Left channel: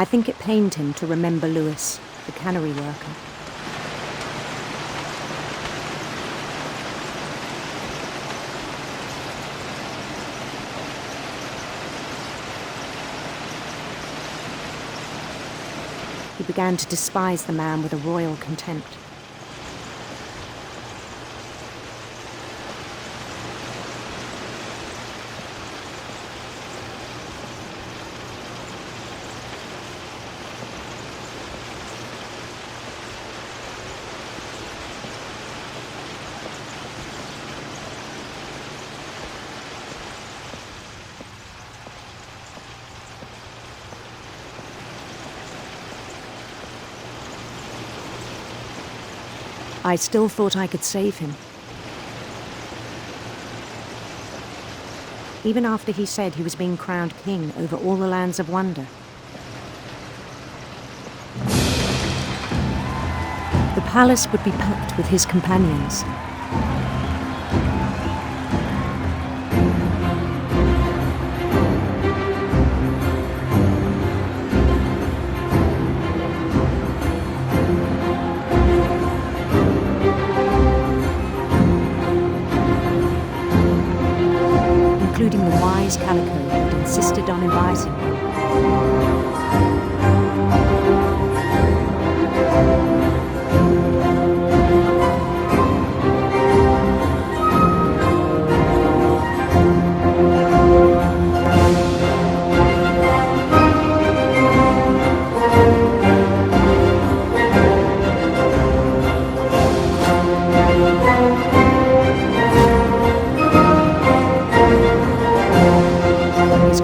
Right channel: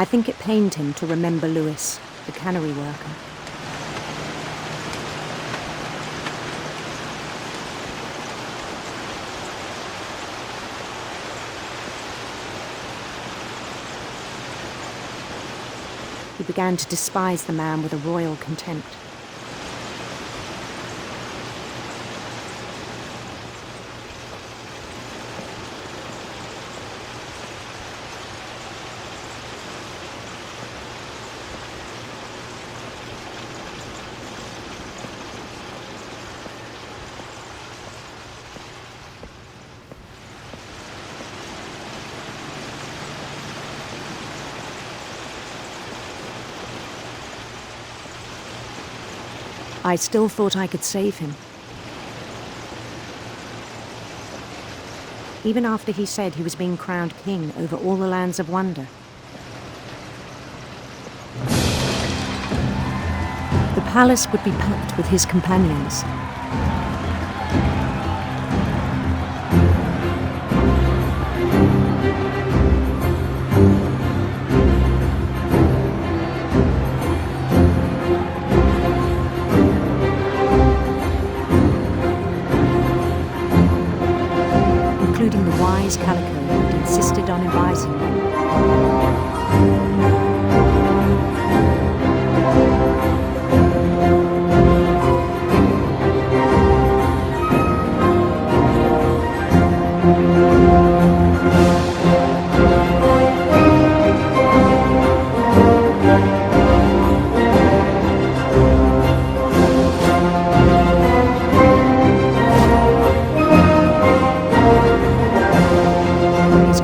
I think it pained him to remember Lewis, the cannery worker. He began to despise the man with a royal contempt. I still thought I could save him. Even after he said he was being crowned king over all the lands of wonder. The palace would be packed with his companions. Including the wise Calico who had insisted on inviting him.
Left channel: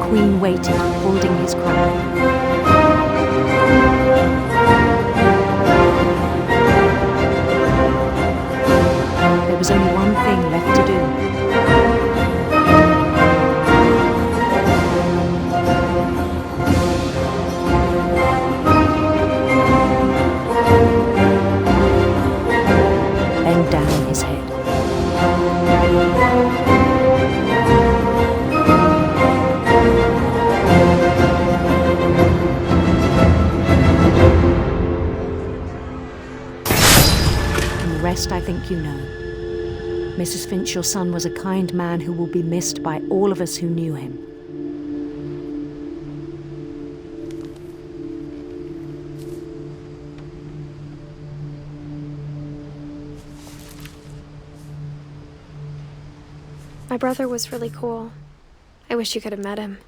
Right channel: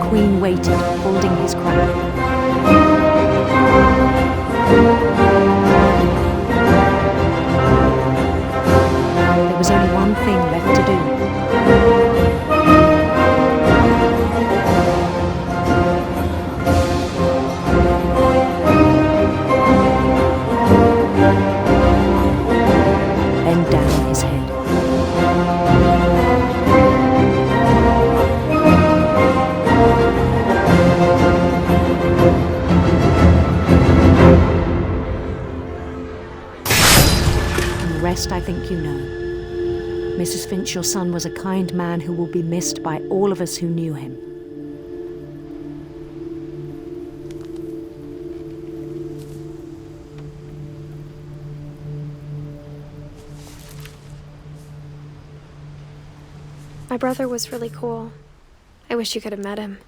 Queen waited, holding his crown. There was only one thing left to do. Bend down his head. Rest I think you know. Mrs. Finch, your son was a kind man who will be missed by all of us who knew him. My brother was really cool. I wish you could have met him.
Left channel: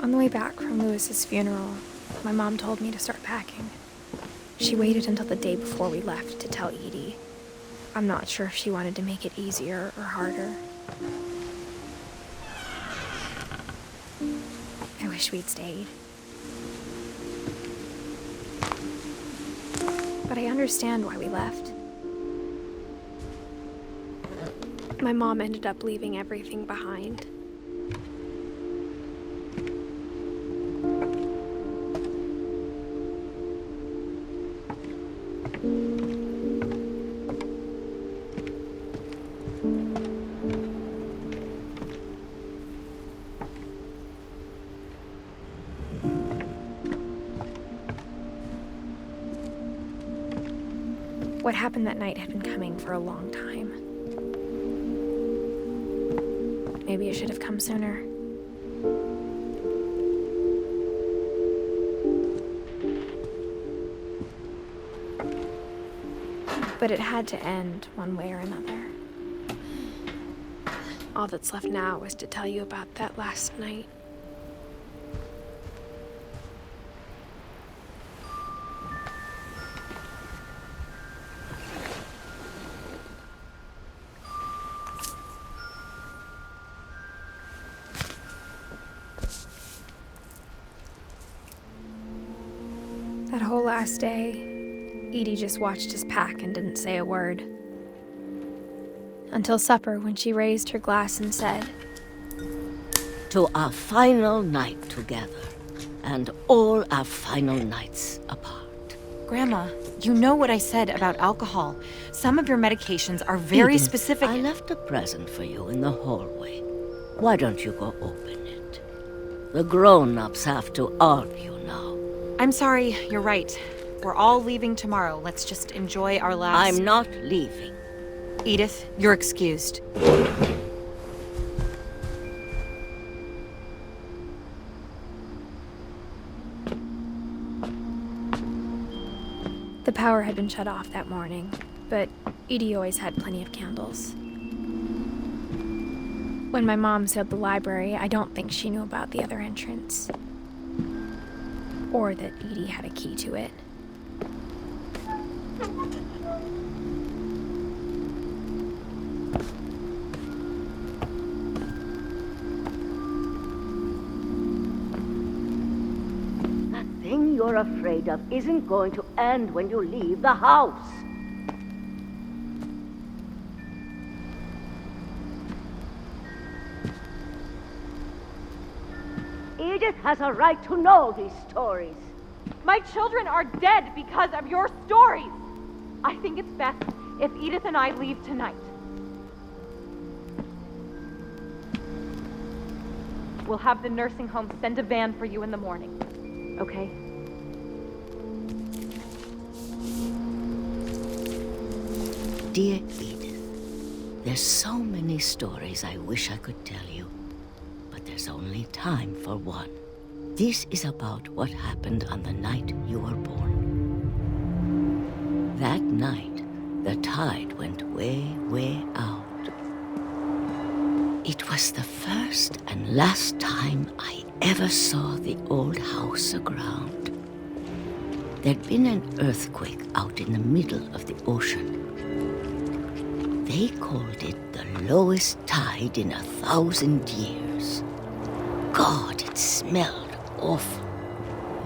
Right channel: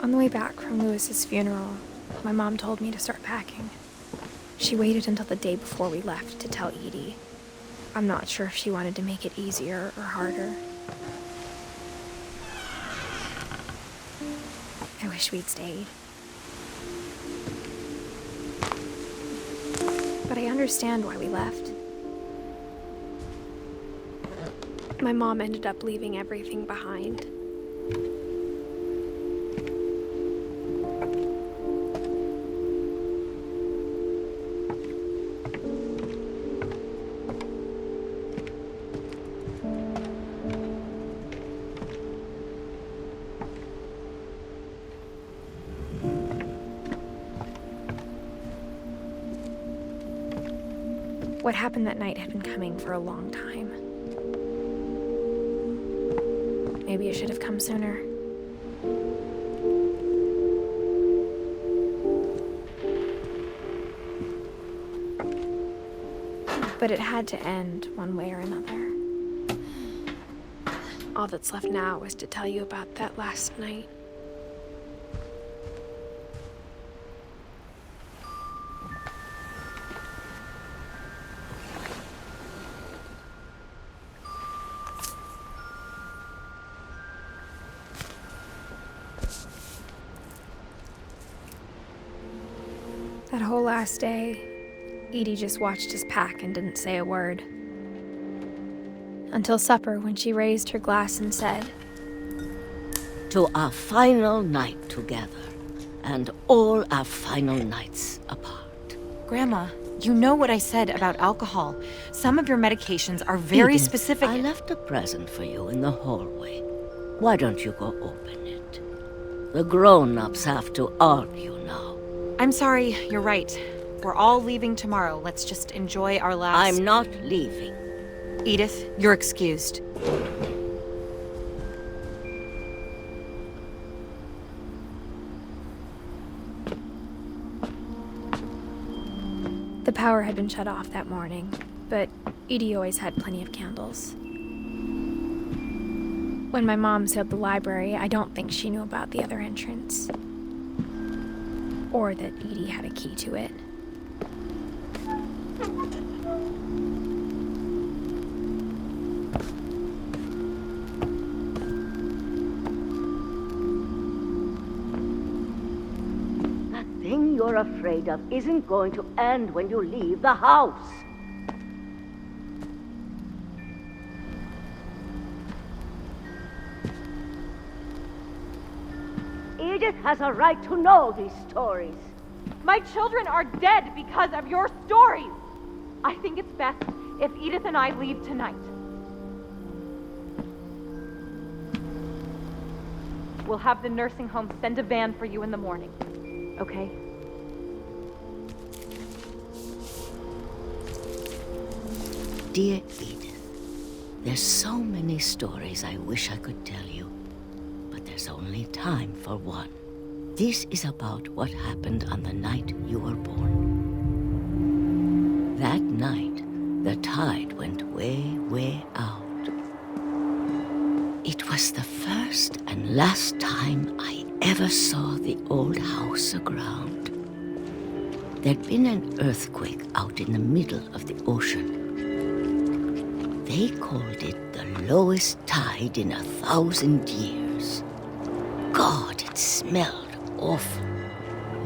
On the way back from Lewis's funeral, my mom told me to start packing. She waited until the day before we left to tell Edie. I'm not sure if she wanted to make it easier or harder. I wish we'd stayed. But I understand why we left. My mom ended up leaving everything behind. What happened that night had been coming for a long time. Maybe it should have come sooner. But it had to end one way or another. All that's left now is to tell you about that last night. That whole last day, Edie just watched us pack and didn't say a word. Until supper, when she raised her glass and said, "To our final night together, and all our final nights apart." Grandma, you know what I said about alcohol. Some of your medications are very Edith, specific. I left a present for you in the hallway. Why don't you go open it? The grown-ups have to argue now. I'm sorry, you're right. We're all leaving tomorrow. Let's just enjoy our last... I'm not leaving. Edith, you're excused. the power had been shut off that morning, but Edie always had plenty of candles. When my mom sealed the library, I don't think she knew about the other entrance. Or that Edie had a key to it. That thing you're afraid of isn't going to end when you leave the house. Edith has a right to know these stories. My children are dead because of your stories. I think it's best if Edith and I leave tonight. We'll have the nursing home send a van for you in the morning, okay? Dear Edith, there's so many stories I wish I could tell you, but there's only time for one. This is about what happened on the night you were born. That night, the tide went way, way out. It was the first and last time I ever saw the old house aground. There'd been an earthquake out in the middle of the ocean. They called it the lowest tide in 1,000 years. God, it smelled awful.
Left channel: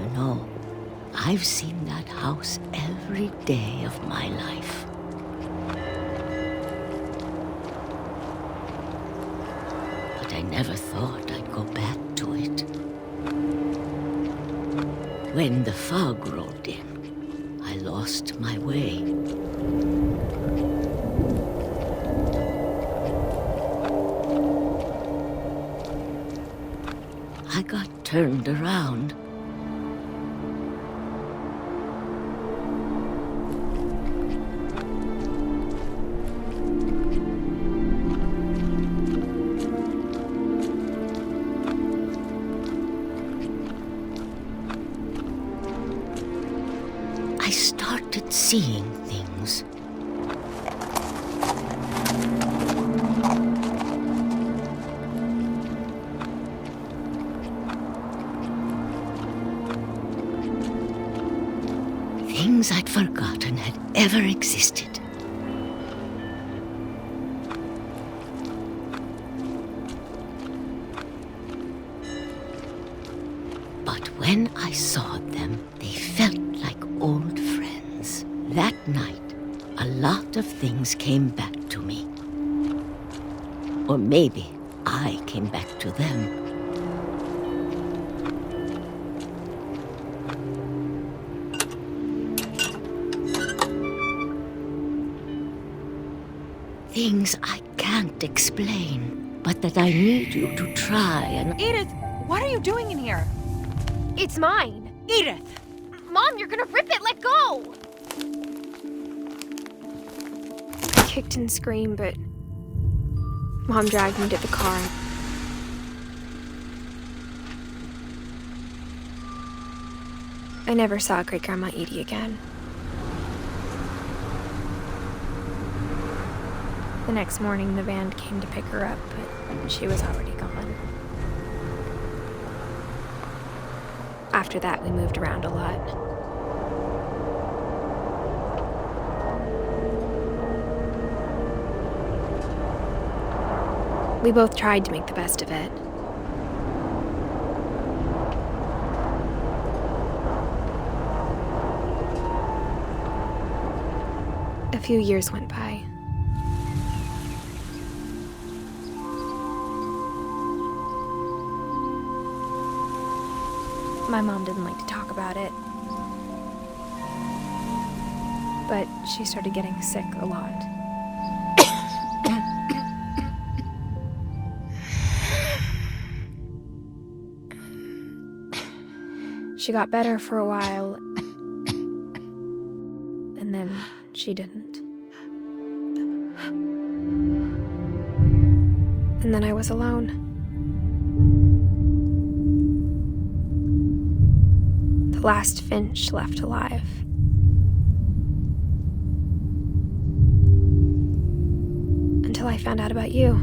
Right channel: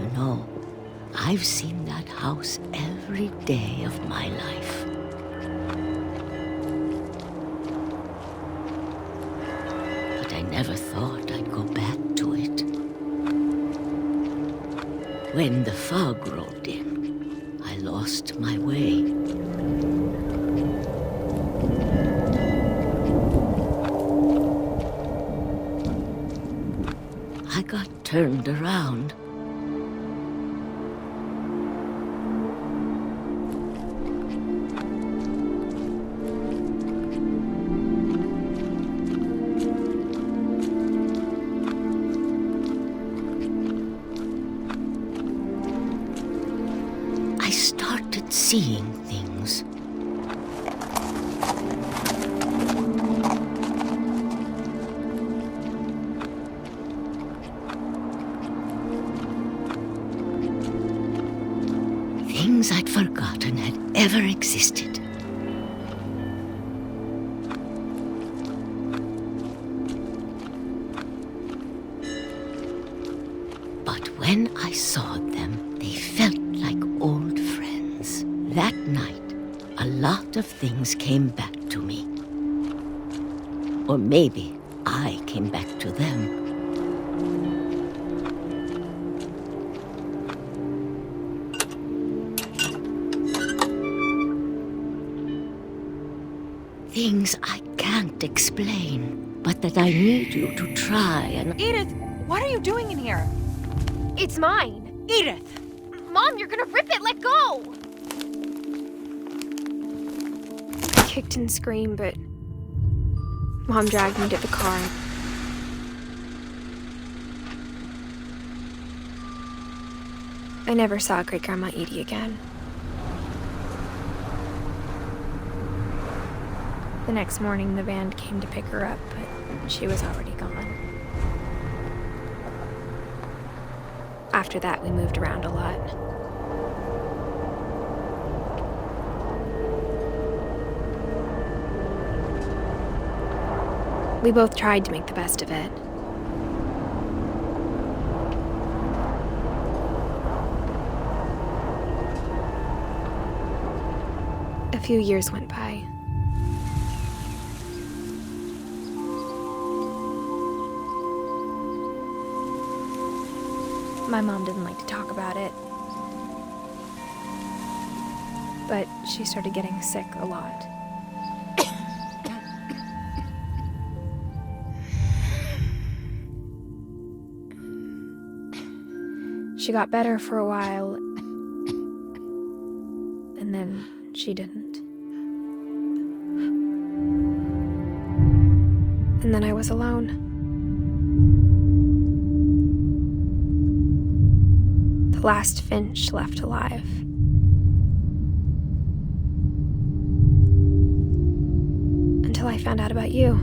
You know, I've seen that house every day of my life. But I never thought I'd go back to it. When the fog rolled in, I lost my way. I got turned around. I started seeing things. Things I'd forgotten had ever existed. But when I saw them, they felt like old friends. That night, a lot of things came back to me. Or maybe I came back to them. Things I can't explain, but that I need you to try and... Edith, what are you doing in here? It's mine! Edith! Mom, you're gonna rip it! Let go! kicked and screamed, but Mom dragged me to the car. I never saw Great-Grandma Edie again. The next morning, the van came to pick her up, but she was already gone. After that, we moved around a lot. We both tried to make the best of it. A few years went by. My mom didn't like to talk about it, but she started getting sick a lot. She got better for a while, and then she didn't. And then I was alone. The last Finch left alive. Until I found out about you.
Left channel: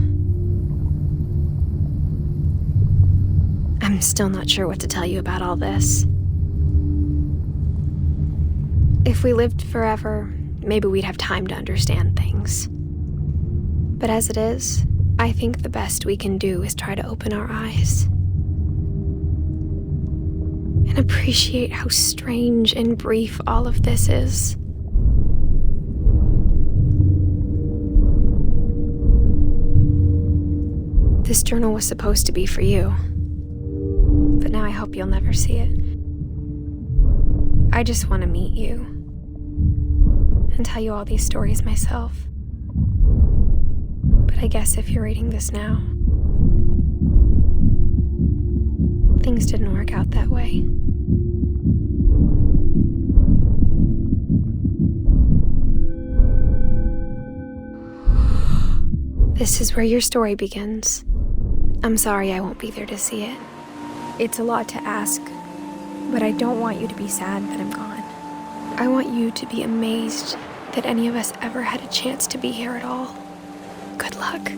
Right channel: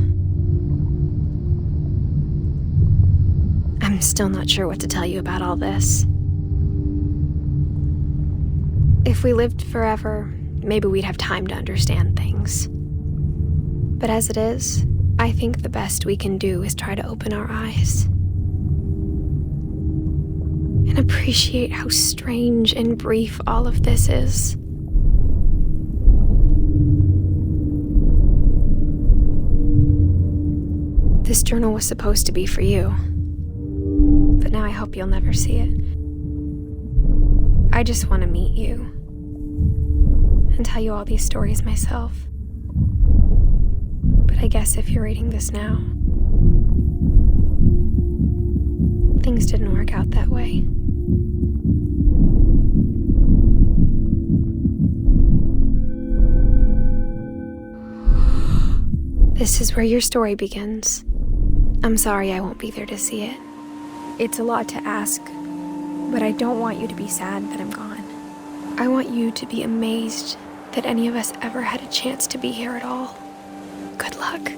I'm still not sure what to tell you about all this. If we lived forever, maybe we'd have time to understand things. But as it is, I think the best we can do is try to open our eyes and appreciate how strange and brief all of this is. This journal was supposed to be for you, but now I hope you'll never see it. I just want to meet you and tell you all these stories myself. But I guess if you're reading this now, things didn't work out that way. This is where your story begins. I'm sorry I won't be there to see it. It's a lot to ask, but I don't want you to be sad that I'm gone. I want you to be amazed that any of us ever had a chance to be here at all. Good luck.